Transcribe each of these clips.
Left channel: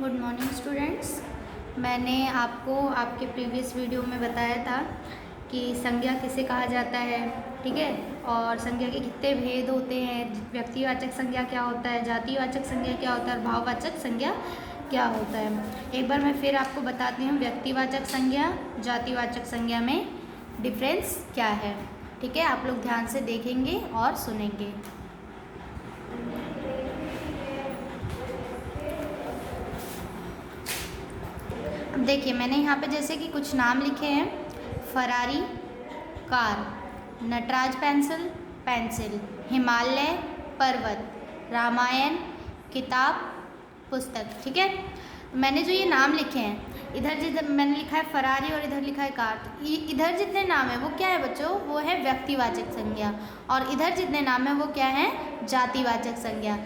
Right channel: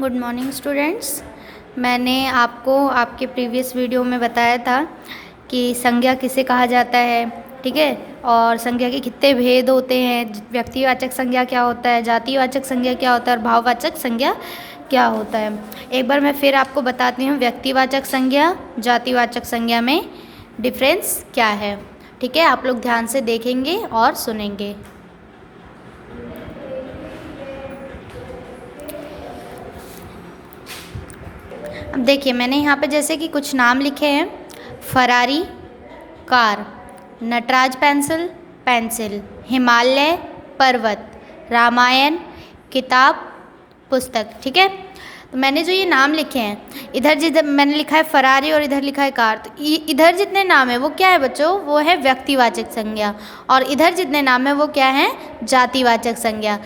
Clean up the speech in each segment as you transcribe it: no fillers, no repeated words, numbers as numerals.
Good morning students. मैंने आपको आपके प्रीवियस वीडियो में बताया था कि संज्ञा किसे कहा जाता है, ठीक है, और संज्ञा के कितने भेद होते हैं। व्यक्तिवाचक संज्ञा क्या होता है, जातिवाचक संज्ञा क्या होता है और भाववाचक संज्ञा क्या होता है। एक बार मैं फिर आपको बताती हूँ व्यक्तिवाचक संज्ञा जातिवाचक संज्ञा में डिफरेंस क्या है। ठीक है, आप लोग ध्यान से देखेंगे और सुनेंगे। अब देखिए, मैंने यहाँ पे जैसे कि कुछ नाम लिखे हैं: Ferrari, car, Nataraj pencil, pencil, Himalaya, पर्वत, रामायण, किताब, पुस्तक। ठीक है, तो मैंने जो ये नाम लिखे हैं, इधर जिधर मैंने लिखा है फरारी और इधर लिखा है कार, तो इधर जितने नाम है वो क्या है बच्चों, वो है व्यक्तिवाचक संज्ञा, और इधर जितने नाम है वो क्या है, जातिवाचक संज्ञा।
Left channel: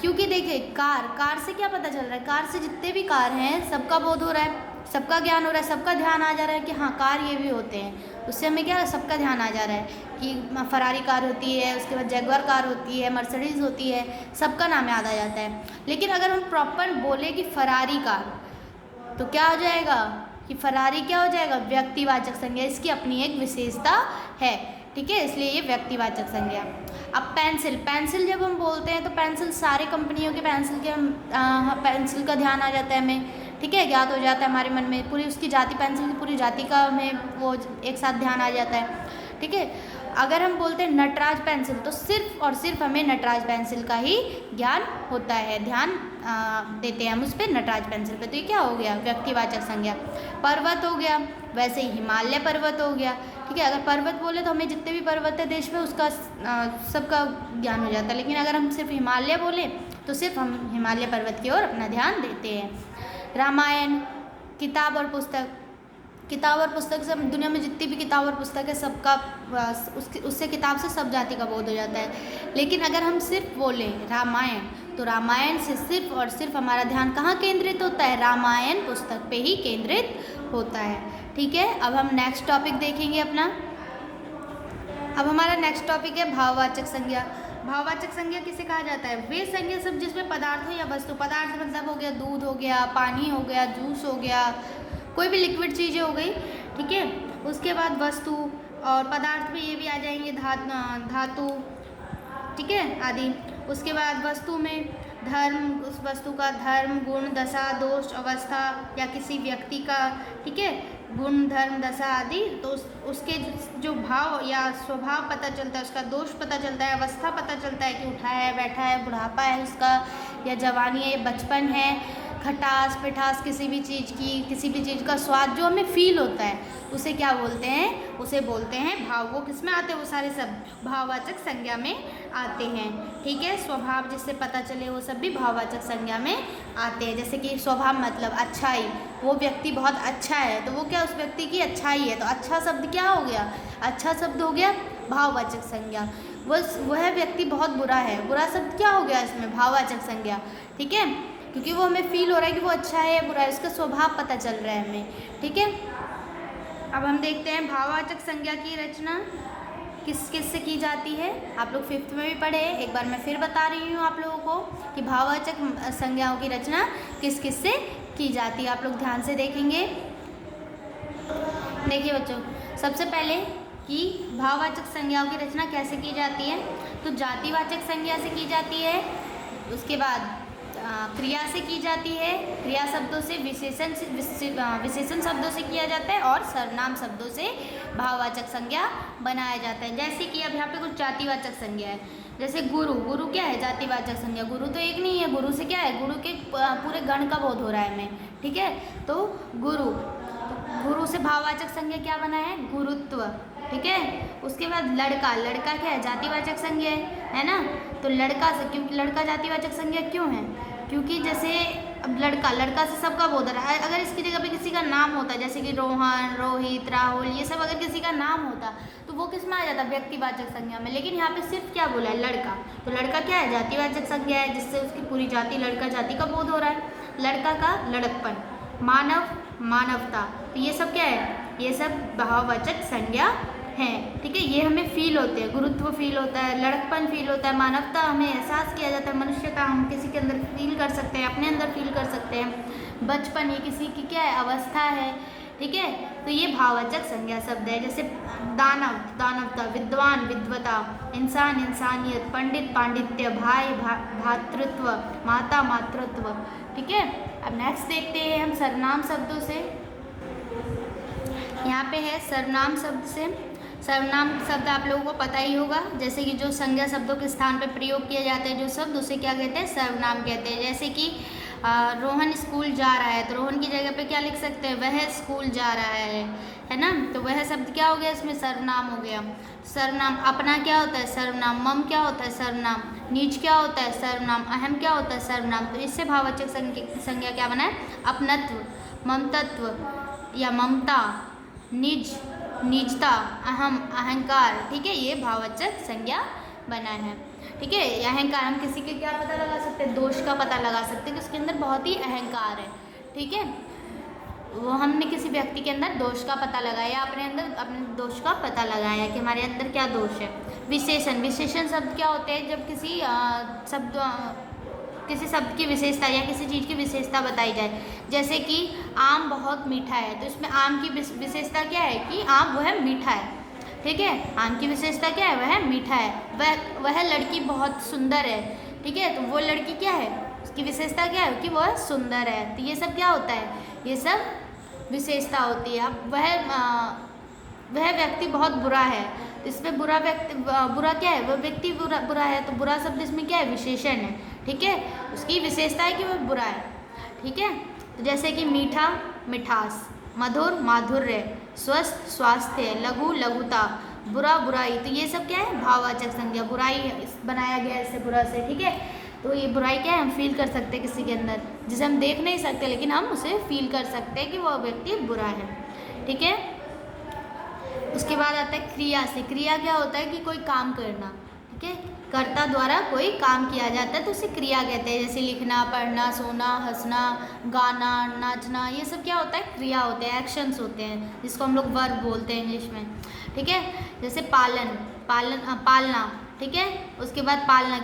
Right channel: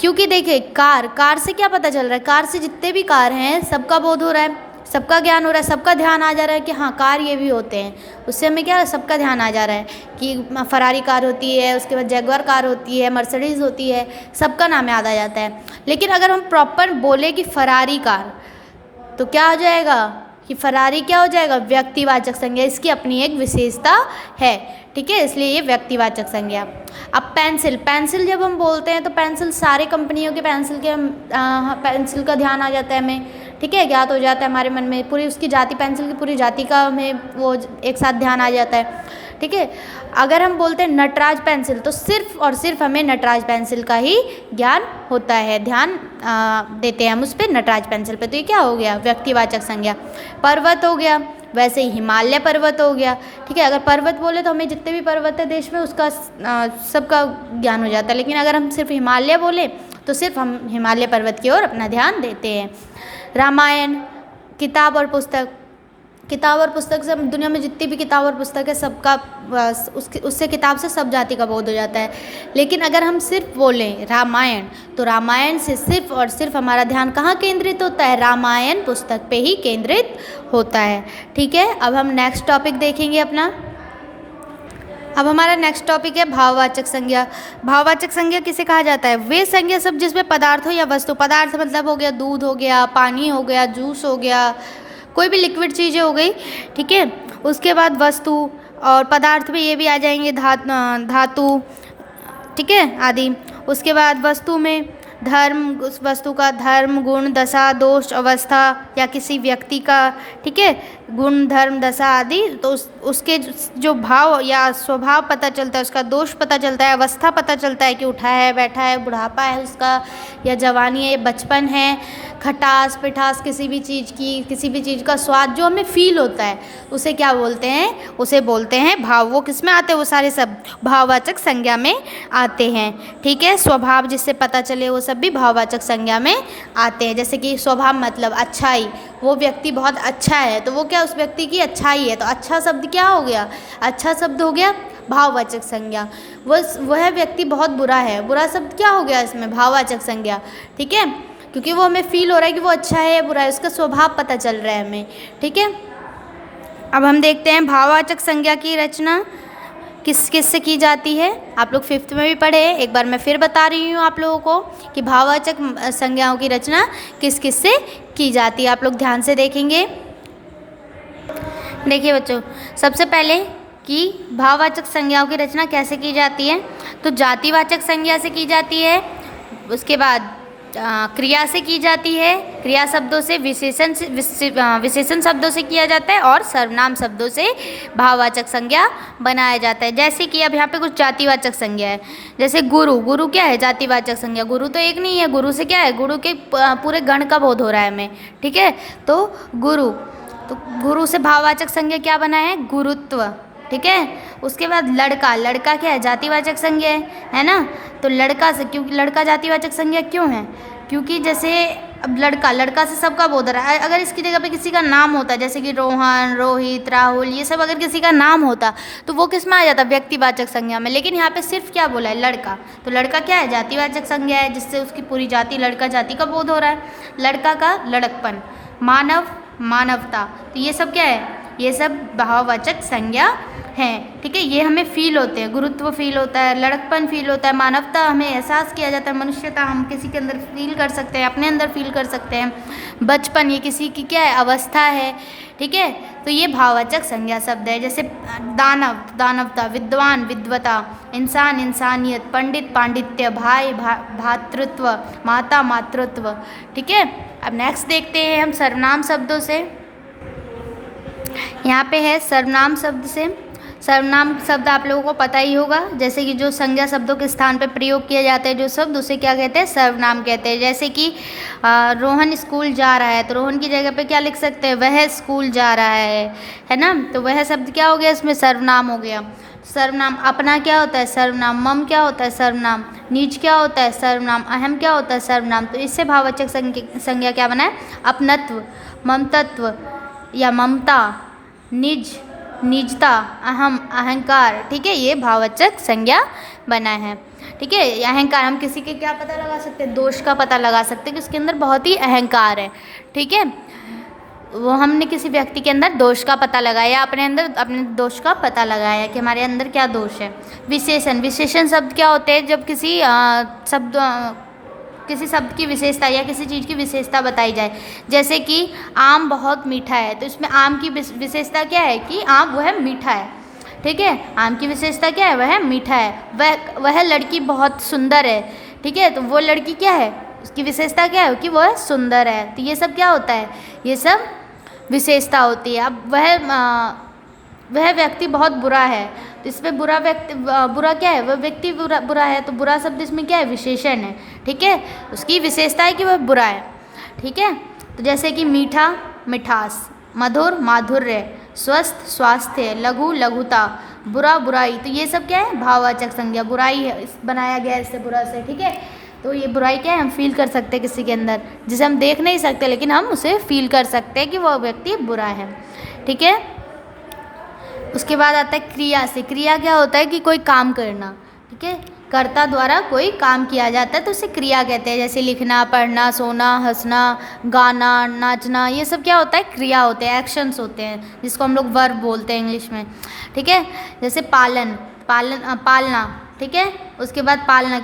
क्योंकि देखिए, कार से क्या पता चल रहा है, कार से जितने भी कार हैं सबका बोध हो रहा है, सबका ज्ञान हो रहा है, सबका ध्यान आ जा रहा है कि हाँ कार ये भी होते हैं। उससे हमें क्या, सबका ध्यान आ जा रहा है कि फरारी कार होती है, उसके बाद जैगुआर कार होती है, मर्सिडीज़ होती है, सबका नाम याद आ जाता है। लेकिन अगर हम प्रॉपर बोले कि फरारी कार, तो क्या हो जाएगा कि फरारी क्या हो जाएगा, व्यक्तिवाचक संज्ञा। इसकी अपनी एक विशेषता है, ठीक है, इसलिए ये व्यक्तिवाचक संज्ञा। अब पेंसिल जब हम बोलते हैं तो पेंसिल सारे कंपनियों के पेंसिल के पेंसिल का ध्यान आ जाता है हमें, ठीक है, ज्ञात हो जाता है हमारे मन में, पूरी उसकी जाति, पेंसिल की पूरी जाति का हमें वो एक साथ ध्यान आ जाता है। ठीक है, अगर हम बोलते हैं नटराज पेंसिल तो सिर्फ और सिर्फ हमें नटराज पेंसिल का ही ज्ञान होता है, ध्यान देते हैं हम उस पर, नटराज पेंसिल पे। तो ये क्या हो गया, व्यक्तिवाचक संज्ञा। पर्वत हो गया, वैसे ही हिमालय पर्वत हो गया। ठीक है, अगर पर्वत बोले तो हमें जितने भी पर्वत है देश में उसका सबका ज्ञान हो जाता है, लेकिन अगर हम सिर्फ हिमालय बोले तो सिर्फ हम हिमालय पर्वत की ओर अपना ध्यान देते हैं। रामायण, किताब और पुस्तक, किताब और पुस्तक से हम दुनिया में जितनी भी किताब और पुस्तक है सबका उससे किताब से सब जाति का बोध हो जाता है। लेकिन अगर हम सिर्फ बोलें रामायण, तो रामायण से सिर्फ और सिर्फ हमारा ध्यान कहाँ केंद्रित होता है, रामायण पुस्तक पे ही केंद्रित होता है। ठीक है, अब हम नेक्स्ट टॉपिक देखेंगे अपना। अब हमारा नेक्स्ट टॉपिक है भाववाचक संज्ञा। भाववाचक संज्ञा किसे कहा जाता है, वे संज्ञा सब जिसमें पदार्थ हो या वस्तु, पदार्थ मतलब हो गया दूध हो गया, पानी हो गया, जूस हो गया, कोई भी लिक्विड चीज़ें हो गई, ठीक है। उसके बाद वस्तु और पदार्थ में ये भी आ जाएंगे धातु, ठीक है, आदि। उसके बाद वस्तु में धर्म, उस वस्तु का धर्म, गुण, दशा, दोष, अवस्था या किसी व्यक्ति का, ठीक है, गुण, धर्म, दशा आदि, तो उसके जो भाव या स्वभाव पता चलता है, उसका दोष पता चलता है, अवस्था पता चलता है कि उठा है, बैठा है, बुढ़ापा है उसका, या जवानी है, बचपन है, खटास पिठास किसी भी चीज़ की, किसी भी चीज़ का स्वाद जो हमें फील होता है उसे क्या बोलते हैं, उसे बोलते हैं भाव। वो किस में आते हैं, वो सारे सब भाववाचक संज्ञा में आते हैं। ठीक है, स्वभाव जिससे पता चले वो सब भी भाववाचक संज्ञा में आते हैं। जैसे कि स्वभाव मतलब अच्छाई, वो व्यक्ति बहुत अच्छा है तो वो क्या, उस व्यक्ति की अच्छाई है, तो अच्छा शब्द क्या हो गया, अच्छा शब्द हो गया भाववाचक संज्ञा। वह व्यक्ति बहुत बुरा है, बुरा शब्द क्या हो गया इसमें, भाववाचक संज्ञा। ठीक है, क्योंकि वो हमें फील हो रहा है कि वो अच्छा है या बुरा है, उसका स्वभाव पता चल रहा है हमें। ठीक है, अब हम देखते हैं भाववाचक संज्ञा की रचना किस किस से की जाती है। आप लोग 5th में भी पढ़े, एक बार मैं फिर बता रही हूँ आप लोगों को कि भाववाचक संज्ञाओं की रचना किस किस से की जाती है। आप लोग ध्यान से देखेंगे। देखिए बच्चों, सबसे पहले कि भाववाचक संज्ञाओं की रचना कैसे की जाती है, तो जातिवाचक संज्ञा से की जाती है, उसके बाद क्रिया से की जाती है, क्रिया शब्दों से, विशेषण शब्दों से किया जाता है, और सर्वनाम शब्दों से भाववाचक संज्ञा बनाया जाता है। जैसे कि अब यहाँ पे कुछ जातिवाचक संज्ञा है, जैसे गुरु, गुरु क्या है, जातिवाचक संज्ञा। गुरु तो एक नहीं है, गुरु से क्या है, गुरु के पूरे गण का बोध हो रहा है हमें। ठीक है, तो गुरु, तो गुरु से भाववाचक संज्ञा क्या बना है, गुरुत्व। ठीक है, उसके बाद लड़का, लड़का क्या है, जातिवाचक संज्ञा है ना। तो लड़का से, क्योंकि लड़का जातिवाचक संज्ञा क्यों है, क्योंकि जैसे अब लड़का, लड़का से सबका बोध रहा है। अगर इसकी जगह पे किसी का नाम होता, जैसे कि रोहन, रोहित, राहुल, ये सब अगर किसी का नाम होता तो वो किस में आ जाता, व्यक्तिवाचक संज्ञा में। लेकिन यहाँ पे सिर्फ क्या बोला है, लड़का, तो लड़का क्या है, जातिवाचक संज्ञा है, जिससे उसकी पूरी जाति, लड़का जाति का बोध हो रहा है। लड़का का लड़कपन, मानव, मानवता, तो ये सब क्या है, ये सब भाववाचक संज्ञा हैं, ठीक है, ये हमें फील होते हैं। गुरुत्व फील होता है, लड़कपन फील होता है, मानवता हमें एहसास किया जाता है, मनुष्यता हम किसी के अंदर फील कर सकते हैं, अपने अंदर फील कर सकते हैं। बचपन ये किसी की क्या है, अवस्था है, ठीक है। तो ये भाववाचक संज्ञा शब्द है। जैसे दानव, दानवता, विद्वान, विद्वता, इंसान, इंसानियत, पंडित, पांडित्य, भाई, भातृत्व, माता, मातृत्व, ठीक है। अब नेक्स्ट देखते हैं हम सर्वनाम शब्दों से। यहाँ पे है सर्वनाम शब्द से। सर्वनाम शब्द आप लोगों को पता ही होगा, जैसे कि जो संज्ञा शब्दों के स्थान पर प्रयोग किए जाते हैं जो शब्द, उसे क्या कहते हैं, सर्वनाम कहते हैं। जैसे कि रोहन स्कूल जा रहा है, तो रोहन की जगह पे क्या लिख सकते हैं, वह स्कूल जा रहा है ना। तो वह शब्द क्या हो गया, इसमें सर्वनाम हो गया। सर्वनाम अपना क्या होता है, सर्वनाम। मम क्या होता है, सर्वनाम। निज क्या होता है, सर्वनाम। अहम क्या होता है, सर्वनाम। तो इससे भाववाचक संज्ञा क्या बना है, अपनत्व, ममतत्व या ममता, निज, निजता, अहम, अहंकार, ठीक है, ये भाववाचक संज्ञा बना है, ठीक है। अहंकार, हम किसी के क्या पता लगा सकते हैं, दोष का पता लगा सकते हैं कि उसके अंदर बहुत ही अहंकार है, ठीक है। वो हमने किसी व्यक्ति के अंदर दोष का पता लगाया, अपने अंदर अपने दोष का पता लगाया कि हमारे अंदर क्या दोष है। विशेषण, विशेषण शब्द क्या होते हैं, जब किसी शब्द की विशेषता या किसी चीज़ की विशेषता बताई जाए। जैसे कि आम बहुत मीठा है, तो इसमें आम की विशेषता क्या है कि आम वह मीठा है, ठीक है। आम की विशेषता क्या है, वह मीठा है। वह लड़की बहुत सुंदर है, ठीक है, तो वो लड़की क्या है, उसकी विशेषता क्या है कि वह सुंदर है। तो ये सब क्या होता है, ये सब विशेषता होती है। अब वह व्यक्ति बहुत बुरा है, तो इसमें बुरा क्या है, वह व्यक्ति बुरा है, तो बुरा शब्द इसमें क्या है, विशेषण है, ठीक है। उसकी विशेषता है कि वह बुरा है, ठीक है। तो जैसे कि मीठा, मिठास, मधुर, माधुर्य, स्वस्थ, स्वास्थ्य, लघु, लघुता, बुरा, बुराई। तो ये सब क्या है, भाववाचक संज्ञा। बुराई है, बनाया गया है इससे, बुरा से, ठीक है। तो ये बुराई क्या है, हम फील कर सकते हैं किसी के अंदर, जिसे हम देख नहीं सकते लेकिन हम उसे फील कर सकते हैं कि वह व्यक्ति बुरा है, ठीक है। उसके बाद आता है क्रिया से। क्रिया क्या होता है कि कोई काम करना, ठीक है, कर्ता द्वारा कोई काम किया जाता है तो उसे क्रिया कहते हैं। जैसे लिखना, पढ़ना, सोना, हंसना, गाना, नाचना, ये सब क्या होता है, क्रिया होते हैं, एक्शंस होते हैं, जिसको हम लोग वर्ब बोलते हैं इंग्लिश में, ठीक है। जैसे पालना, ठीक है। उसके बाद पालना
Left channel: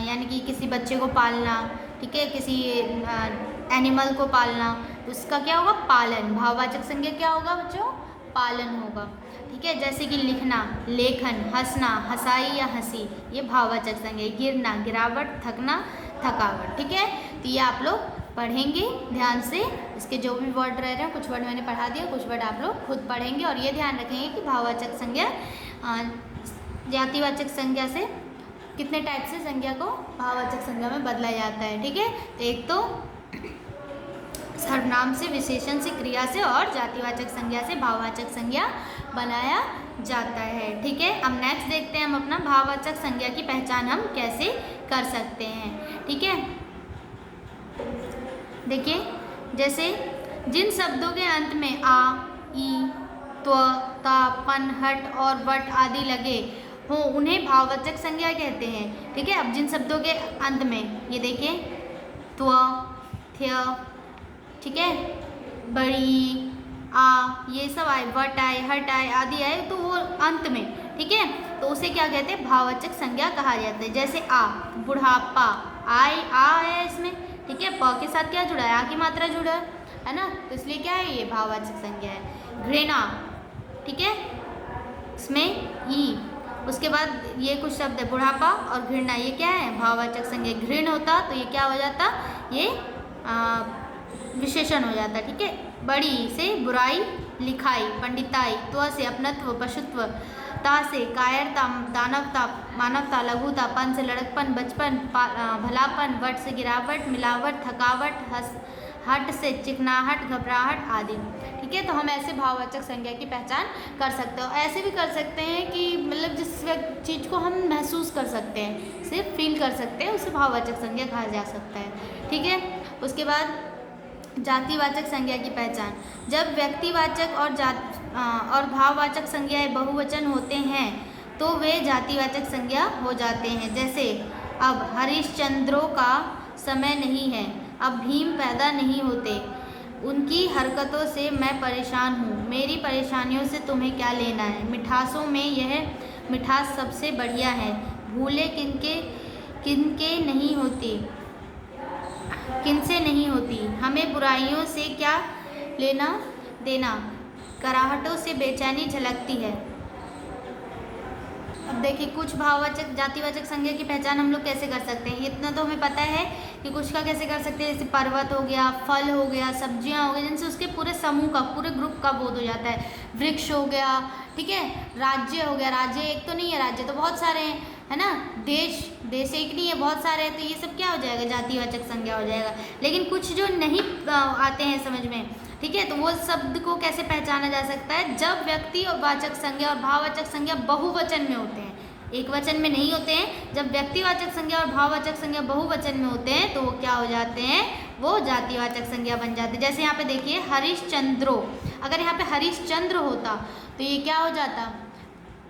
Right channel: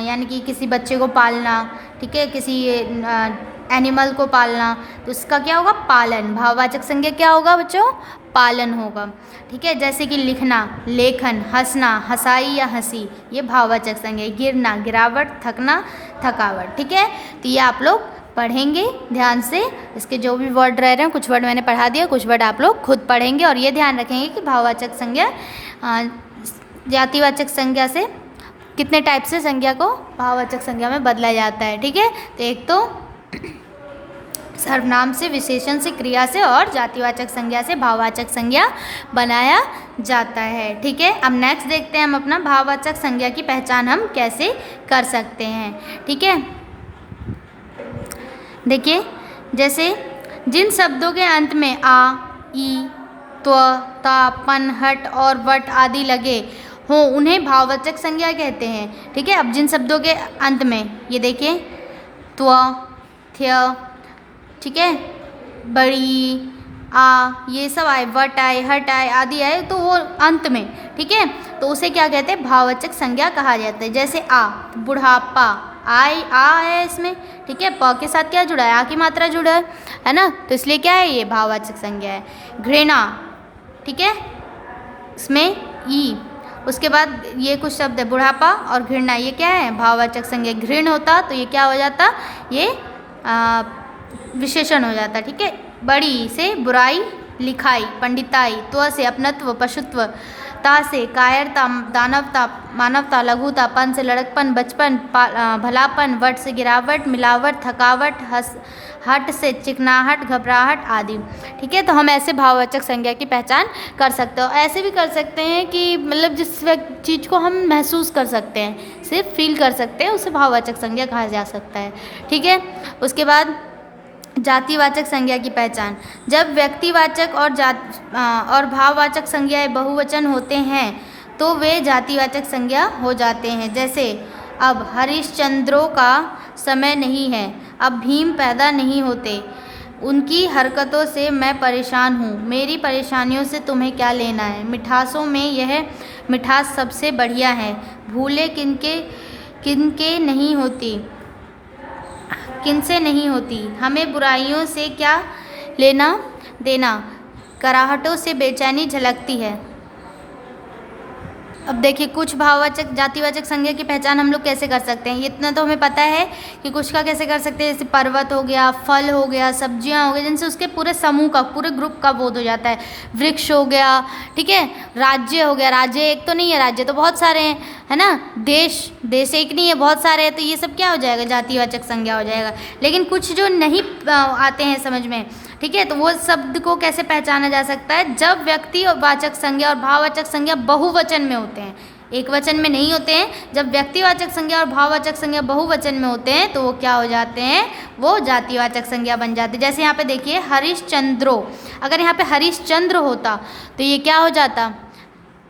यानी कि किसी बच्चे को पालना, ठीक है, किसी एनिमल को पालना, तो उसका क्या होगा, पालन। भाववाचक संज्ञा क्या होगा बच्चों, पालन होगा, ठीक है। जैसे कि लिखना, लेखन, हंसना, हंसाई या हंसी, ये भाववाचक संज्ञा। गिरना, गिरावट, थकना, थकावट, ठीक है। तो ये आप लोग पढ़ेंगे ध्यान से, इसके जो भी वर्ड रह रहे हैं, कुछ वर्ड मैंने पढ़ा दिया, कुछ वर्ड आप लोग खुद पढ़ेंगे और ये ध्यान रखेंगे कि भाववाचक संज्ञा जातिवाचक संज्ञा से कितने टाइप से संज्ञा को भाववाचक संज्ञा में बदला जाता है, ठीक है। तो एक तो सर्वनाम से, विशेषण से, क्रिया से और जातिवाचक संज्ञा से भाववाचक संज्ञा बनाया जाता है, ठीक है। अब नेक्स्ट देखते हैं हम अपना भाववाचक संज्ञा की पहचान हम कैसे कर सकते हैं, ठीक है। देखिए, जैसे जिन शब्दों के अंत में आ, ई, त्व, ता, पन, हट और वट आदि लगे हों उन्हें भाववाचक संज्ञा कहते हैं, ठीक है। अब जिन शब्दों के अंत में, ये देखिए, त्व, थ्य, ठीक है, बड़ी, आ, ये सब आए, वट आए, हट आए, आदि आए, तो वो अंत में, ठीक है, तो उसे क्या कहते हैं, भाववाचक संज्ञा कहा जाता है। जैसे आ, बुढ़ापा, आई, आ है इसमें, ठीक है, प के साथ क्या जुड़ा है, आ की मात्रा जुड़ा है ना, तो इसलिए क्या है, ये भाववाचक संज्ञा है। घृणा, ठीक है, इसमें ई, उसके बाद ये कुछ शब्द है, बुढ़ापा और घृणा, ये क्या है, भाववाचक संज्ञा। घृण होता तो ये क्या हो जाता, ये विशेषण हो जाता, ठीक है। बड़ी से बुराई, लिखाई, पंडिताई, त्व से अपनत्व, पशुत्व, ता से कायरता, दानवता, मानवता, लघुता, पन से लड़कपन, बचपन, भलापन, वट से गिरावट, मिलावट, थकावट, हट से चिकनाहट, घबराहट आदि, ठीक है। तो हम ऐसे भाववाचक संज्ञा की पहचान कर सकते हो। ऐसे भी कर सकते हैं कि मतलब जिस चीज़ को हम महसूस कर सकते हैं, सिर्फ फील कर सकते हैं, उसे भाववाचक संज्ञा कहा जा सकता है, ठीक है। उसके बाद जातिवाचक संज्ञा की पहचान। जब व्यक्तिवाचक और भाववाचक संज्ञाएं बहुवचन होते हैं तो वे जातिवाचक संज्ञा हो जाते हैं। जैसे अब हरिश्चंद्रों का समय नहीं है, अब भीम पैदा नहीं होते, उनकी हरकतों से मैं परेशान हूँ, मेरी परेशानियों से तुम्हें क्या लेना है। मिठासों में यह मिठास सबसे बढ़िया है, भूले किनके किनके नहीं होती, किनसे नहीं होती, हमें बुराइयों से क्या लेना देना, कराहटों से बेचैनी झलकती है। अब देखिए कुछ भाववाचक जातिवाचक संज्ञा की पहचान हम लोग कैसे कर सकते हैं। इतना तो हमें पता है कि कुछ का कैसे कर सकते हैं, जैसे पर्वत हो गया, फल हो गया, सब्जियां हो गई, जिनसे उसके पूरे समूह का, पूरे ग्रुप का बोध हो जाता है। वृक्ष हो गया, ठीक है, राज्य हो गया, राज्य एक तो नहीं है, राज्य तो बहुत सारे हैं, है ना। देश, देश एक नहीं है, बहुत सारे हैं, तो ये सब क्या हो जाएगा, जातिवाचक संज्ञा हो जाएगा। लेकिन कुछ जो नहीं आते हैं समझ में, ठीक है, तो वो शब्द को कैसे पहचाना जा सकता है, जब व्यक्तिवाचक संज्ञा और भाववाचक संज्ञा बहुवचन में होते हैं, एक वचन में नहीं होते हैं। जब व्यक्तिवाचक संज्ञा और भाववाचक संज्ञा बहुवचन में होते हैं तो वो क्या हो जाते हैं, वो जातिवाचक संज्ञा बन जाते हैं। जैसे यहाँ पे देखिए हरिश्चंद्रो, अगर यहाँ पे हरिश्चंद्र होता तो ये क्या हो जाता,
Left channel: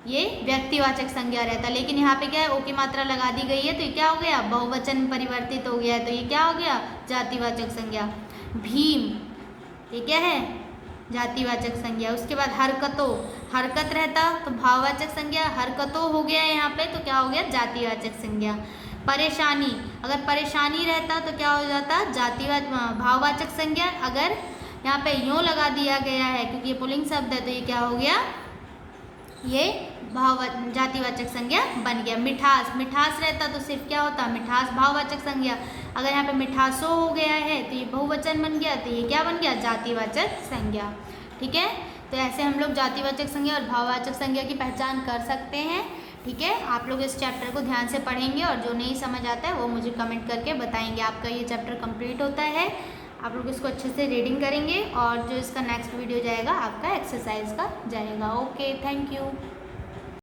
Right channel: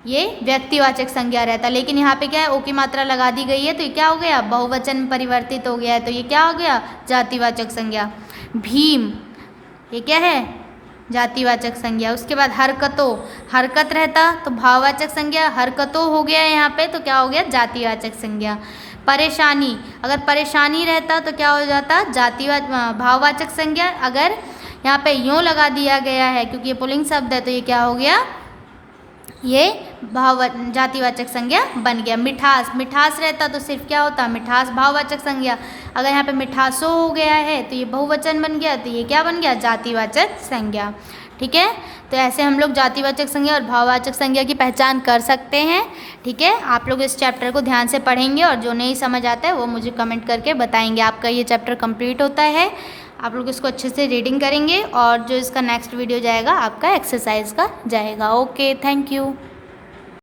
ये व्यक्तिवाचक संज्ञा रहता। लेकिन यहाँ पे क्या है, ओ की मात्रा लगा दी गई है तो ये क्या हो गया, बहुवचन में परिवर्तित हो गया है, तो ये क्या हो गया, जातिवाचक संज्ञा। भीम, ये क्या है, जातिवाचक संज्ञा। उसके बाद हरकतों, हरकत रहता तो भाववाचक संज्ञा, हरकतों हो गया यहाँ पे तो क्या हो गया, जातिवाचक संज्ञा। परेशानी, अगर परेशानी रहता तो क्या हो जाता, भाववाचक संज्ञा। अगर यहाँ पे यूँ लगा दिया गया है क्योंकि ये पुल्लिंग शब्द है तो ये क्या हो गया, ये जातिवाचक संज्ञा बन गया। मिठास, मिठास रहता तो सिर्फ क्या होता, मिठास भाववाचक संज्ञा। अगर यहाँ पे मिठासों हो गया है तो ये बहुवचन बन गया, तो ये क्या बन गया, जातिवाचक संज्ञा। ठीक है, तो ऐसे हम लोग जातिवाचक संज्ञा और भाववाचक संज्ञा की पहचान कर सकते हैं। ठीक है, आप लोग इस चैप्टर को ध्यान से पढ़ेंगे और जो नहीं समझ आता है वो मुझे कमेंट करके बताएंगे। आपका ये चैप्टर कंप्लीट होता है, आप लोग इसको अच्छे से रीडिंग करेंगे और जो इसका नेक्स्ट वीडियो जाएगा आपका एक्सरसाइज का जाएगा। Okay, thank you.